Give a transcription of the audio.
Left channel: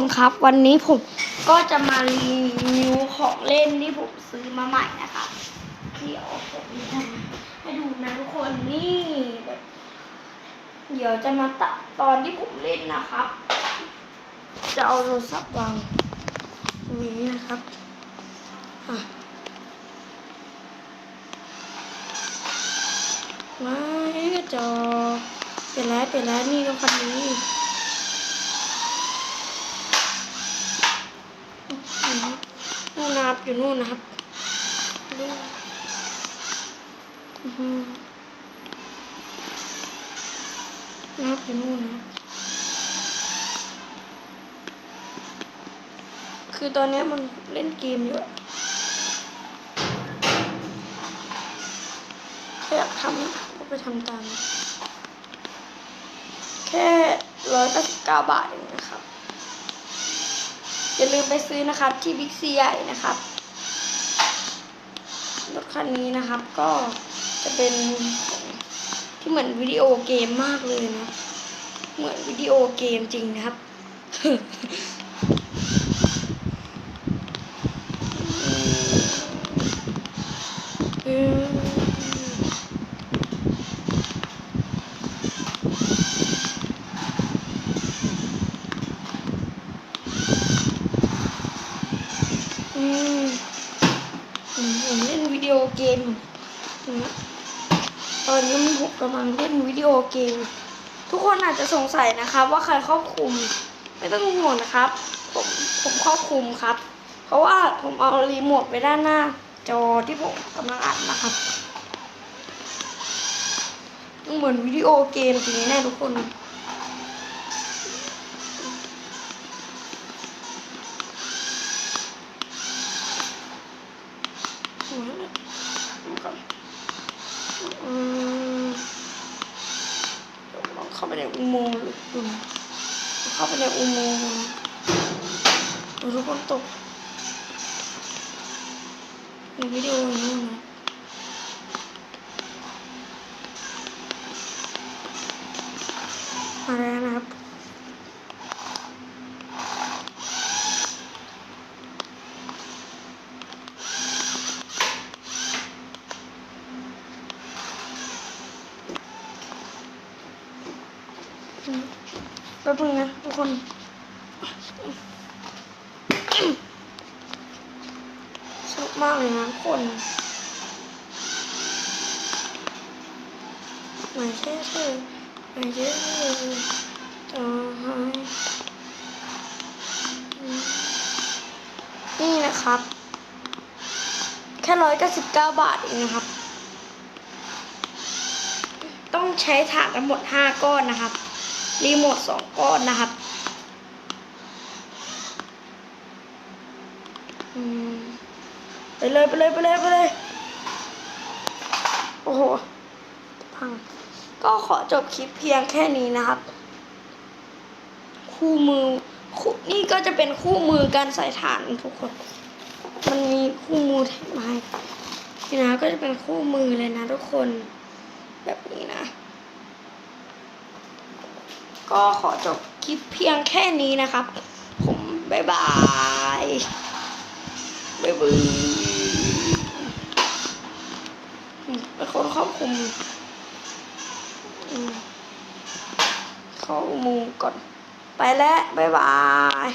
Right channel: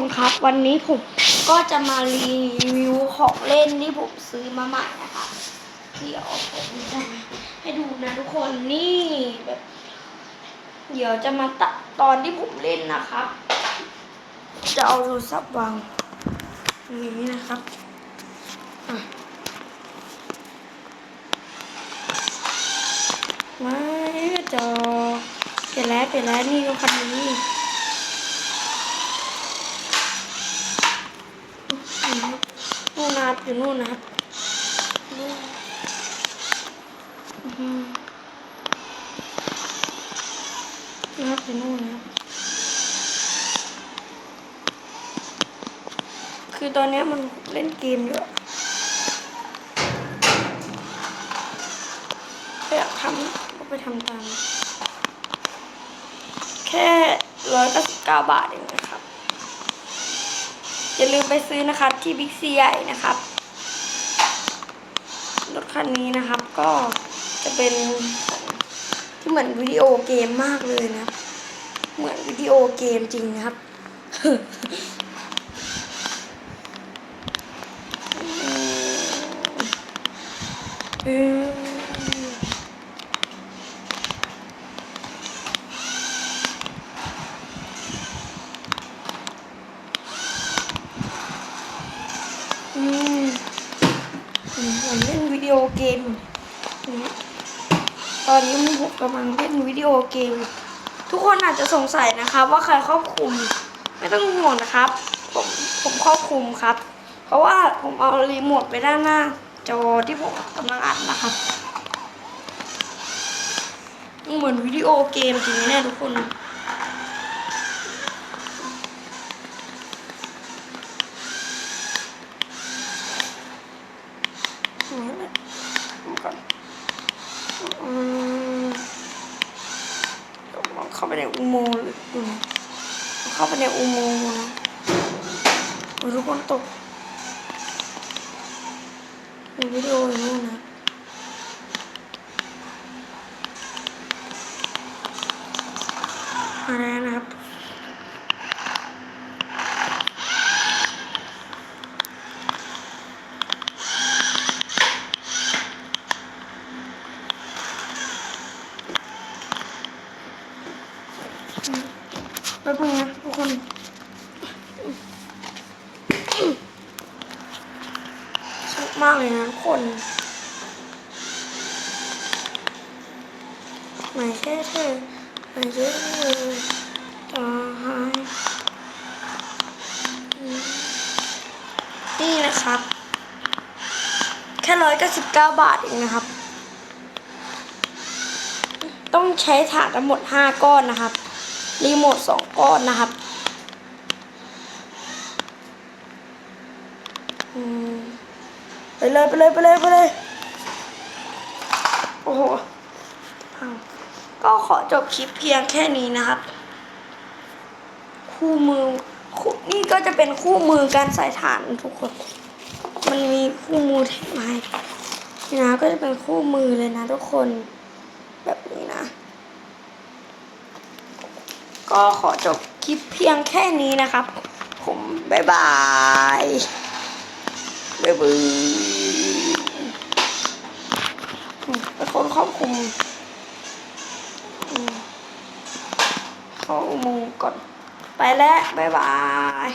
คนครับ วันนี้ผมก็จะมารีวิวของเล่นที่ผมซื้อมาใหม่นะคะเดี๋ยวผมจะให้ดูนะทุกคนนี่แบบเดี๋ยวจะมาตัดตอนที่ผมเล่นนะครับ จะเอาโทรศัพท์วางตรงนี้นะครับอะม่จอเปลี่ยนแล้วเปลี่ยนแล้วนี่ก็คันนี้ นู่นนะครับอยู่นู่นนะครับนะครับอยู่นู่นนะครับคือตอนนี้มันเล่นเกมเยอะอยากทำก็ไปทำตาม แค่ร้อยเก้าสิบเก้าบาทเองนะครับ อย่าลืมไปซื้อนะครับที่บิ๊กซีใหญ่นะครับรถคันนี้นะครับก็จะเป็นที่เหมือนวิดีโอเกมมากเลยนะ เหมือนวิดีโอเกมจริงนะครับ อืม อืมผมเล่นวิดีโอเกม ตอนนี้ผมกำลังเล่นวิดีโอเกม ทุกคนอาจจะสงสัยนะครับ ว่าใครครอบคุม ไม่ต้องห่วงนะครับ ผมผมครอบคุมครับ เพราะว่าผมเอารีโมทไปด้านหน้า จอที่ผมกำลังอัดนะครับเหมือนวิดีโอเกมจริงแน่ทุกคน เข้าไปในอุโมงค์เลยดูเข้าไปในอุโมงค์นะทุกคนตกเป็นวิดีโออย่นู้นนะมาแล้วนะครับ แป๊บนึงนะทุกคนชอบมากเลยนะทุกคนไม่ใช่เธอไม่ใช่เธอต่อให้นี่นะครับ แค่ร้อยเก้าสิบเก้าบาทเองนะครับ ต้องใช้ถาดทั้งหมดห้าก้อนนะครับ รีโมทสองก้อนนะครับไปเลยไปเลยไปเลยไปเลย โอ้โหพัง ก็ขอจบคลิปเพียงแค่นี้นะครับ คู่มือคู่นี่ก็จะเป็นคู่มือการใส่ฐานทุกคน มันมีคู่มือแถมมาให้นี่นะก็จะเป็นคู่มือเลยนะทุกคน แบบนี้นะ ก็ขอจบคลิปเพียงแค่นี้นะครับ ผมบายบายบายบายอืมเป็นคนควบคุมเข้ามุมงก่อน ไปแล้วบายบาย